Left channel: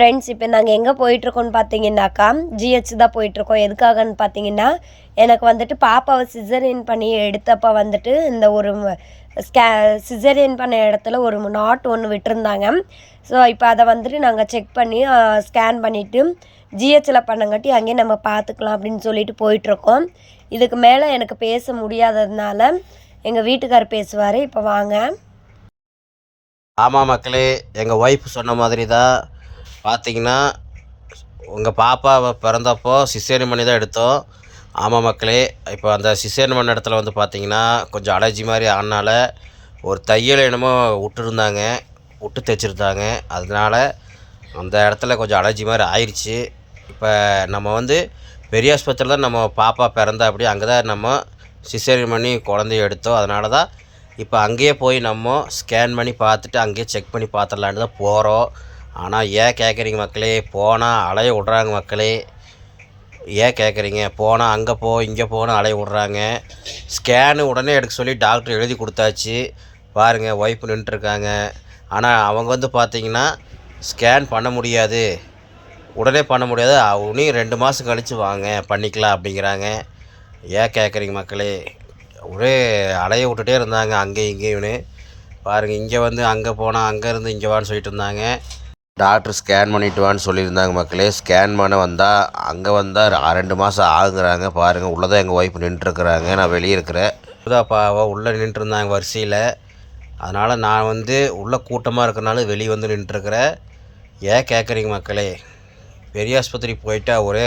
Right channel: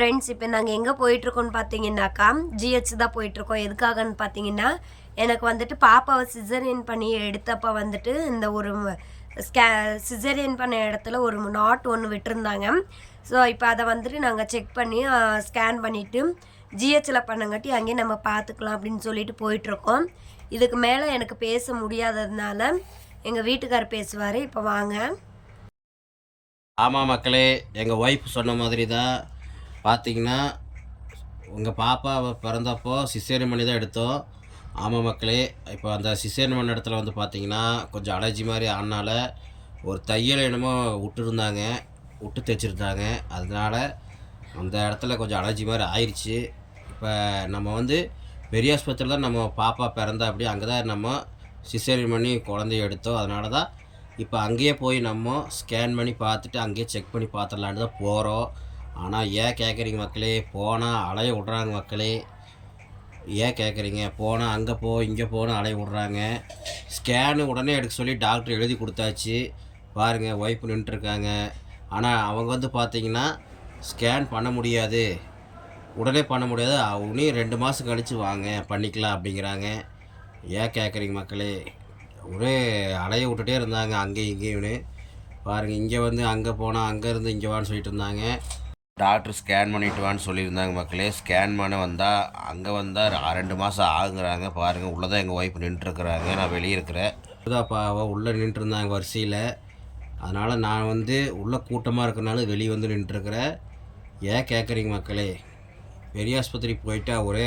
Friends இப்போ நாங்கள் எங்கே போயிட்டுருக்கோம்னு பார்த்தீங்கன்னாக்கா ஜிஹெச் தான் போயிட்டுருக்கோம். எதுக்காகன்னு பார்த்தீங்கன்னா எனக்கு வந்துட்டு பாப்பாவை சிசரியன் பண்ணி எடுத்தப்போ வந்துட்டு இந்த ஒரு ஸ்கே சிசரியன் பண்ண இடத்துல ஒரு நாட் ஒன்று விட்டுருந்தாங்க. ஸோ இப்போ அதை வந்துட்டு நாங்கள் செக் பண்ணி ஸ்கேன் பண்ணிவிட்டு ஜிஹெச்சில் பண்ணங்காட்டி அங்கேயே நம்ம பார்த்துக்கலாம் அப்படின்னு சொல்லிட்டு போயிட்டுருக்கோம். இதுக்கு மேலே எனக்கு பேச முடியாததுனால எங்கள் வீட்டுக்கார் பேசுவார். இப்போ வாங்க. ஆமாம் மக்களே எங்கள் ஒய்ஃப் சொன்ன மாதிரி தான் பார்த்தீங்கன்னா உங்கள் பாப்பா பிறந்தப்போ சிசேரியன் பண்ணி தான் எடுத்தோம். ஆமாம் மக்களே இப்போ அந்த சிசேரியன் பண்ண இடத்துல வந்து பார்த்தீங்கன்னா கொஞ்சம் அலர்ஜி மாதிரி ஆனால ஒரு தையல் என்னமோ விட்டுருந்தாங்க விட்டு தைச்சிருந்தாங்க. அதனால அந்த இடத்துல கொஞ்சம் அலர்ஜி மாதிரி ஆயிடுச்சு இப்போ நம்ம வந்து பெரிய ஆஸ்பத்திரியில் தான் நம்ம பாப்பா பிறந்தா அப்படி அங்கே தான் நம்ம சிசேரியன் பண்ணி குழந்தைய எடுத்தோம். அதனால தான் இப்போ அங்கேயே போய் நம்ம ஸ்கேன் பண்ணி பார்த்துட்டு அங்கேயே செக் பண்ணி பார்த்துடலான்னு தான் போகிறோம் ஆனால் ஏன் கேட்குறீங்க மக்களே? போனால் அலைய விட்றாங்க மக்களே. ஏன் கேட்குறீங்க போனால் அங்கே போ இங்கே போன்னு அலைய விட்றாங்க. ஸ்கேனு உடனே எடுக்க சொல்லி டாக்டர் எழுதி கொடுத்தாச்சு. பாருங்கள் ஒய்ஃப் நின்றுருக்காங்க ஆனால் அவங்க வந்து பார்த்தீங்கன்னா ஸ்கேன் பண்ண முடியாது. உடனே பண்ண முடியாது. உனியும் ரெண்டு மாதம் கழித்து வாங்க பண்ணிக்கலாம் அப்படிங்கிறாங்க. ஏன் கேட்குறீங்க மக்களே? ஒரே அலைய விட்டுட்டே இருந்தாங்க அங்கே இங்கேயும்னு. பாருங்கள் இங்கே வந்து அங்கே போனால் அங்கேருந்து இங்கே வான்னு சொல்லிட்டு இருந்தாங்க. டாக்டர் ஸ்கேன் பண்ணிட்டு வான்னு சொல்லியிருந்தாங்க மக்களே. ஸ்கேன் பண்ண வந்தால் அங்கே வந்தால் ரெண்டு மாதம் ஆகுறாங்க. பாருங்கள் உள்ளே தான் எங்கள் ஒய்ஃப் நின்றுருக்குறாங்க. நான் வெளியே இருக்கிறேன். புதாப்பா அவள் உள்ளே நின்றுருந்தாங்க வரிசையில். அதனால் நான் வந்து உள்ளே கூட்டமாக இருக்கிறனால வெளியே வந்து நின்றுருக்கிறேன். ஏன் கேட்குறீங்க மக்களே? பெரிய ஆஸ்பத்திரி போயிட்டா ஒரே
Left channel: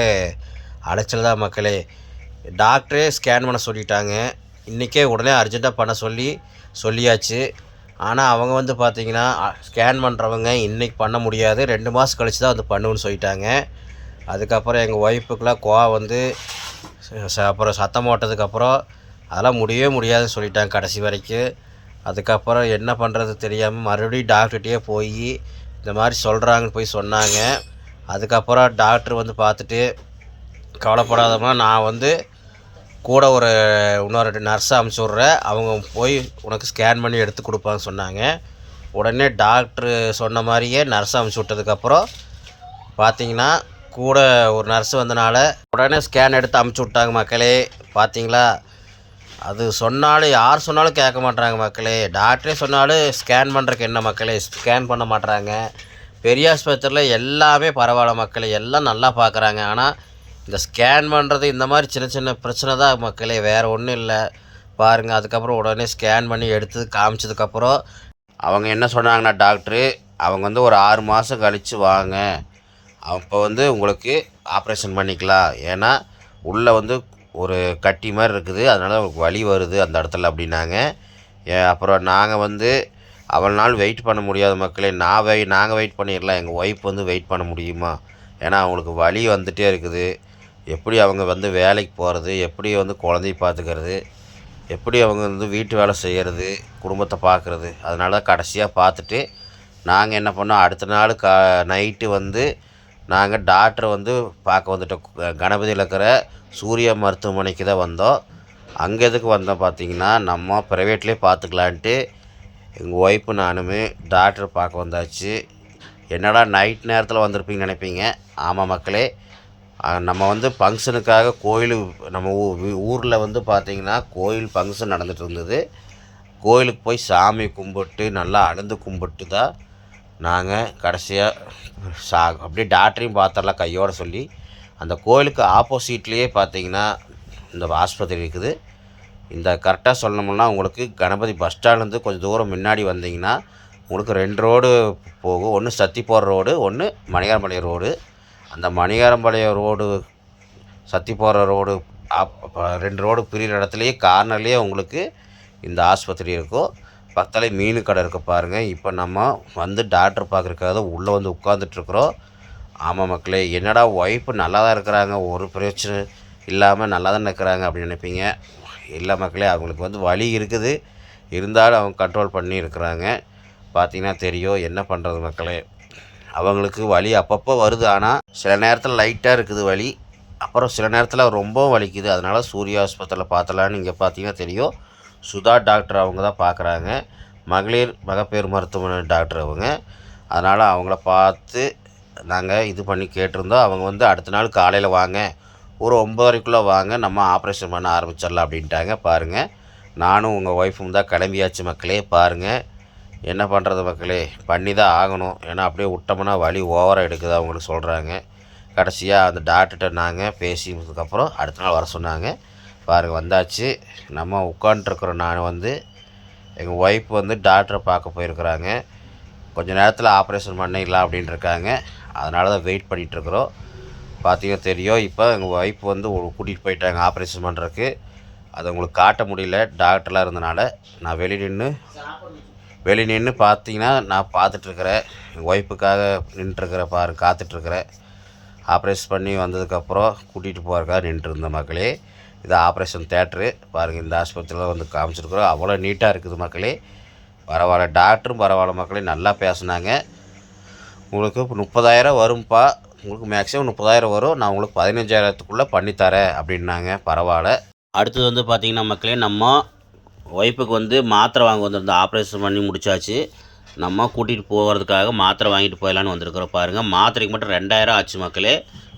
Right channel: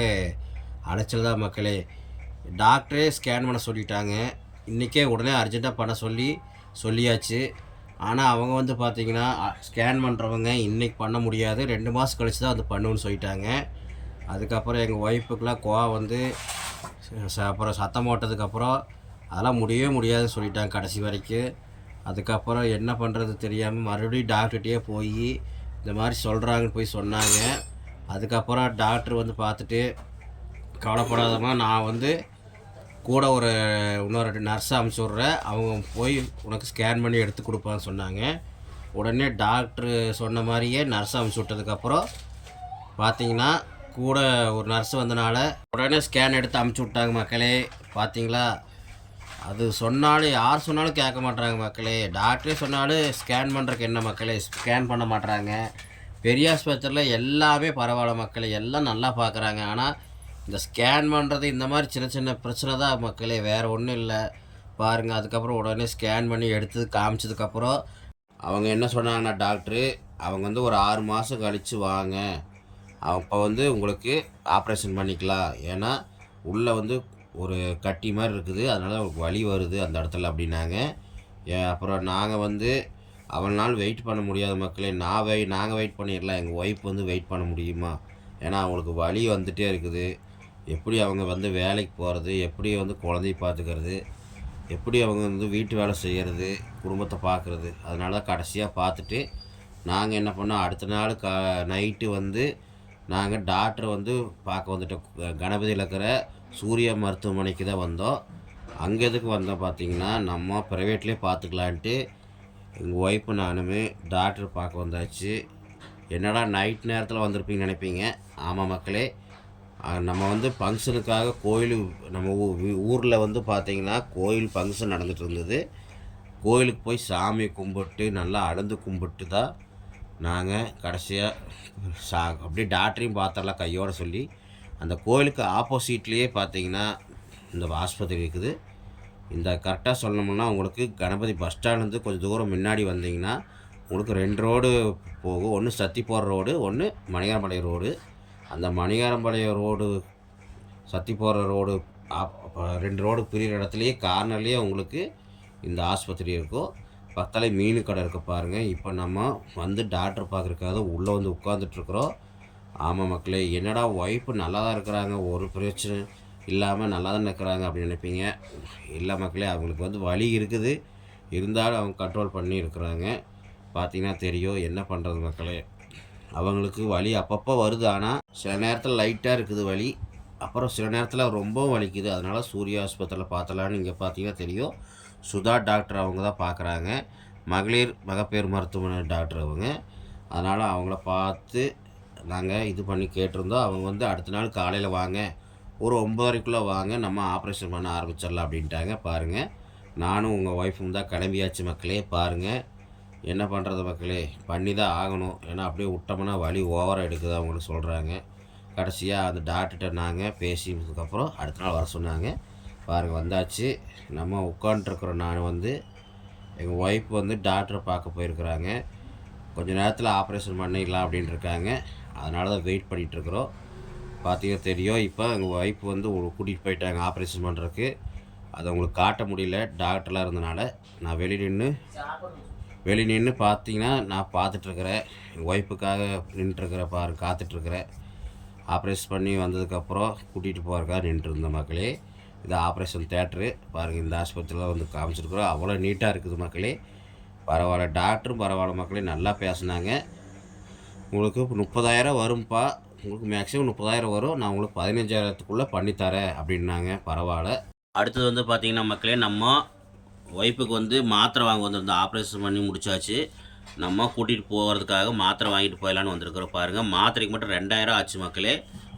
அலைச்சல் தான் மக்களே. டாக்டரே ஸ்கேன் பண்ண சொல்லிட்டாங்க. இன்றைக்கே உடனே அர்ஜெண்ட்டாக பண்ண சொல்லி சொல்லியாச்சு. ஆனால் அவங்க வந்து பார்த்திங்கன்னா ஸ்கேன் பண்ணுறவங்க இன்றைக்கி பண்ண முடியாது. ரெண்டு மாதம் கழித்து தான் வந்து பண்ணுன்னு சொல்லிட்டாங்க. அதுக்கப்புறம் எங்கள் ஒய்ஃபுக்கெலாம் கோவம் வந்து அப்புறம் சத்தம் போட்டதுக்கப்புறம் அதெல்லாம் முடியவே முடியாதுன்னு சொல்லிட்டாங்க கடைசி வரைக்கும். அதுக்கப்புறம் என்ன பண்ணுறது தெரியாமல் மறுபடியும் டாக்டர்கிட்டயே போய் இந்த மாதிரி சொல்கிறாங்கன்னு போய் சொன்னாங்க. அதுக்கப்புறம் டாக்டர் வந்து பார்த்துட்டு கவலைப்படாதமா நான் வந்து கூட ஒரு இன்னொரு நர்ஸை அமுச்சு விட்றேன். அவங்க போய் உனக்கு ஸ்கேன் பண்ணி எடுத்து கொடுப்பாங்கன்னு சொன்னாங்க. உடனே டாக்டர் சொன்ன மாதிரியே நர்ஸை அமுச்சு விட்டதுக்கப்புறம் பார்த்தீங்கன்னா கூட ஒரு நர்ஸ் வந்தனால உடனே ஸ்கேன் எடுத்து அமுச்சு விட்டாங்க மக்களே. பார்த்தீங்களா அது சொன்னாலும் யார் சொன்னாலும் கேட்க மாட்றாங்க மக்களே. டாக்டரே சொன்னாலும் ஸ்கேன் பண்ணுறக்கு என்ன மக்களே? ஸ்கேன் பண்ண மாட்றாங்க. பெரிய ஆஸ்பத்திரியில் எல்லாமே பரவாயில்ல மக்களே. எல்லாம் நல்லா பார்க்குறாங்க ஆனால் இந்த ஸ்கேன் பண்ணுறது இந்த மாதிரி சின்ன சின்ன பிரச்சனை தான் மக்களே. வேறு ஒன்றும் இல்லை. பாருங்கள் அதுக்கப்புறம் உடனே ஸ்கேன் பண்ணி எடுத்து காமிச்சதுக்கப்புறம் அவங்க என்ன சொன்னாங்கன்னா டாக்டரு அவங்க வந்து ஒரு ஆறு மாதம் கழித்து வாங்க. அப்போ வந்து உங்களுக்கு ஆப்ரேஷன் பண்ணிக்கலாம். ஏன்னா உள்ளே வந்து ஒரு கட்டி மாதிரி இருக்குது. அதனால் உங்களுக்கு வலி வருது அந்த இடத்துல அப்படின்னாங்க. ஏ- அப்புறம் நாங்கள் வந்து அவ்வளோ நாள் வெயிட் பண்ண முடியாத மக்களே. நான் வெய் நாங்கள் வெயிட் பண்ணிடலாம். எங்கள் ஒய்ஃப் வந்து வெயிட் பண்ண முடியுமா? ஏன்னா அவங்களுக்கு வலி வந்துகிட்டே இருக்குது. எப்படி அவங்க வந்து வேலைக்கு போகிறது எப்படி வந்து குழந்தைய பார்த்துக்கிறது எப்படி அவங்க வந்து வீட்டு வேலை செய்கிறது குடும்பத்தை பார்க்குறது அதனால கடைசியாக பார்த்துட்டு நாங்கள் என்ன பண்ணோம் அடுத்த நாள் கா நைட்டு வந்து நாங்கள் டாக்டரை வந்து பார்க்க வந்துட்டோம். கணபதியில் இருக்கிற சூரிய மருத்துவமனைக்கு தான் வந்தோம். அங்கே எதுக்கு வந்தோம் பார்த்தீங்கன்னா நம்ம ப்ரைவேட்லேயே பார்த்துக்கலான்ட்டு எங்கள் ஒய்ஃபு நானுமே டாக்டர் பார்க்க வந்தாச்சு. என்னடா நைட் நேரத்தில் வந்திருப்பீங்கன்னு நினைப்பீங்க? ஆமாம் மக்களே நம்ம வந்து ஃபங்க்ஷனுக்காக கோயில் நம்ம ஊரில் வந்து பார்த்திங்கன்னா கோயில் ஃபங்க்ஷன் நடந்துட்டு இருந்தது. கோயிலுக்கு போய் சாமி கும்பிட்டு நல்லா அழுந்து கும்பிட்டு தான் நாங்கள் கடைசியாக சா அப்படியே டாக்டரையும் பார்த்தரலாம் கையோடு சொல்லி. அந்த கோயிலுக்கு ஆப்போசிட்லேயே பார்த்தீங்கன்னா இந்த ஆஸ்பத்திரி இருக்குது. இந்த கரெக்டாக சொல்லணும்னா உங்களுக்கு கணபதி பஸ் ஸ்டாண்ட்லேருந்து கொஞ்சம் தூரம் முன்னாடி வந்தீங்கன்னா உங்களுக்கு ரெண்டு ரோடு போகும். ஒன்று சத்தி போகிற ரோடு ஒன்று மணிகாரம்பாளையம் ரோடு. அந்த மணிகாரம்பாளையம் ரோடு சத்தி போகிற ரோடு ரெண்டு ரோடு பிரிகிற இடத்துலையே கார்னர்லேயே உங்களுக்கு இந்த ஆஸ்பத்திரி இருக்கும் பக்கத்தில் மீன் கடை இருக்க பாருங்கள் இப்போ நம்ம வந்து டாக்டர் பார்க்குறக்காக உள்ளே வந்து உட்காந்துட்ருக்குறோம் ஆமாம் மக்களே என்னடா ஒய்ஃபு நல்லா தான் இருக்கிறாங்க ஒரு பிரச்சனை இல்லாமல் நல்லா தான் இருக்கிறாங்க அப்படின்னு நினைப்பீங்க. இல்லை மக்களே அவங்களுக்கு வந்து வழி இருக்குது. இருந்தாலும் அவங்க கண்ட்ரோல் பண்ணி இருக்கிறாங்க. பார்த்தீங்கன்னா தெரியும் என்ன பண்ணுறது மக்களே. அவங்களுக்கு வலி அப்பப்போ வருது. ஆனால் சில நேரத்தில் லைட்டாக இருக்குது வலி. அப்புறம் சில நேரத்தில் ரொம்ப வலிக்குது. அதனால் சூர்யா ஆஸ்பத்திரியில் பார்த்தலான்னு இங்கே பார்த்தீங்கன்னா தெரியும். சுதா டாக்டர் அவங்க தான் பார்க்குறாங்க. மகளிர் மகப்பேறு மருத்துவமனை டாக்டர் அவங்க. அதனால் அவங்கள பார்த்து நாங்கள் இது பண்ணி கேட்டிருந்தோம். அவங்க வந்து அடுத்த நாள் காலையில் வாங்க. ஒரு ஒம்பதரைக்குள்ளே வாங்க. நம்ம ஆப்ரேஷன் பண்ண ஆரம்பிச்சிடலாம் அப்படின்ட்டாங்க. பாருங்கள் நானும் உங்கள் ஒய்ஃபும் தான் கிளம்பியாச்சு மக்களே. பாருங்கள் என்ன பண்ணுறது மக்களே? பண்ணி தான் ஆகணும். ஏன்னா அப்படியே விட்டோம்னா வலி ஓவராக எடுக்குது அவங்களுக்கு சொல்கிறாங்க கடைசியாக அந்த டாக்டர்கிட்ட நாங்கள் பேசினதுக்கப்புறம் அடுத்த நாள் வர சொன்னாங்க. பாருங்கள் வந்தாச்சு. நம்ம உட்காண்ட்ருக்குறோம் நான் வந்து எங்கள் ஒய்ஃப் வந்து டாக்டரை பார்க்க போயிருக்கிறாங்க. கொஞ்சம் நேரத்தில் ஆப்ரேஷன் பண்ணிடலாம் அப்படின்னு இருக்காங்க அதனால தான் வெயிட் பண்ணிகிட்ருக்குறோம் பார்த்தீங்கன்னா தெரியும் இப்போ எங்கள் ஒய்ஃப் வந்து கூட்டிகிட்டு போயிட்டாங்க ஆப்ரேஷன் பண்ணுறதுக்கு அதை உங்களுக்கு காட்ட முடியல. டாக்டர்லாம் இருந்தனால நான் வெளியே நின்று வெளியே நின்று பார்த்தீங்கன்னா நான் பார்த்துட்ருக்குறேன் எங்கள் ஒய்ஃபுக்காக நின்றுருக்குற பாரு காத்துட்ருக்குறேன் ஆப்ரேஷன் பண்ணி வந்ததுக்கப்புறம் கூட்டிகிட்டு போகிறக்காக நின்றுருந்த மக்களே. இது ஆப்ரேஷன் தேட்ரு பாருங்கள் இந்த ஆஸ்பத்திரியில் வந்து காமிச்சிருக்குறோம். அவ்வளோ நீட்டாக இருக்குது மக்களே. பரவாயில்ல டாக்டரும் பரவாயில்ல மக்களே. நல்லா பேசுனாங்க. உங்களுக்கு முப்பதாயிரம் வரும்ப்பா உங்களுக்கு மேக்ஸிமம் முப்பதாயிரம் வரும். நான் உங்களுக்கு பதினஞ்சாயிரத்துக்குள்ளே பண்ணித்தரேன் அப்படின்னாங்க. பரவாயில்ல. அடுத்தது வந்து பார்த்திங்கன்னா மக்களே நம்ம ஒய்ஃபுக்கு வந்து மாத்திரை வாங்க வந்திருந்தோம். ஆப்ரேஷன் பண்ணி முடிச்சாச்சு. நம்ம கூட்டிகிட்டு போகிறதுக்காக மாத்திரை வாங்கிட்டு போயிடலான்னு வந்திருக்கிறோம் பாருங்கள் மாத்திரைக்கு மட்டும் ரெண்டாயிரம் ஆச்சு மக்களே.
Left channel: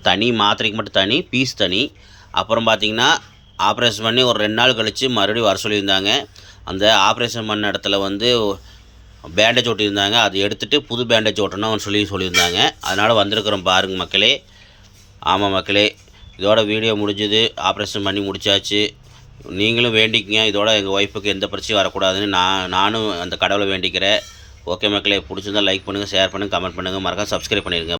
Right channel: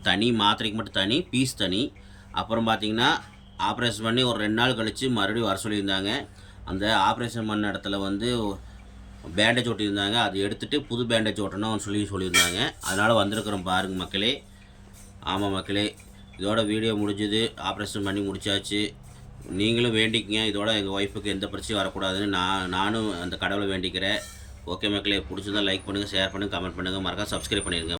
தனி மாத்திரைக்கு மட்டும் தனி பீஸ் தனி. அப்புறம் பார்த்திங்கன்னா ஆப்ரேஷன் பண்ணி ஒரு ரெண்டு நாள் கழித்து மறுபடியும் வர சொல்லியிருந்தாங்க. அந்த ஆப்ரேஷன் பண்ண இடத்துல வந்து பேண்டேஜ் ஒட்டியிருந்தாங்க. அதை எடுத்துகிட்டு புது பேண்டேஜ் ஒட்டணும் சொல்லி சொல்லியிருந்தாங்க. அதனால் வந்திருக்கிறோம் பாருங்கள் மக்களே. ஆமாம் மக்களே இதோட வீடியோ முடிஞ்சுது. ஆப்ரேஷன் பண்ணி முடித்தாச்சு நீங்களும் வேண்டிக்கங்க. இதோட எங்கள் ஒய்ஃபுக்கு எந்த பிரச்சனையும் வரக்கூடாதுன்னு நான் நானும் அந்த கடவுளை வேண்டிக்கிறேன். ஓகே மக்களே பிடிச்சிருந்தால் லைக் பண்ணுங்கள் ஷேர் பண்ணுங்கள் கமெண்ட் பண்ணுங்கள் மறக்காம சப்ஸ்கிரைப் பண்ணிடுங்க.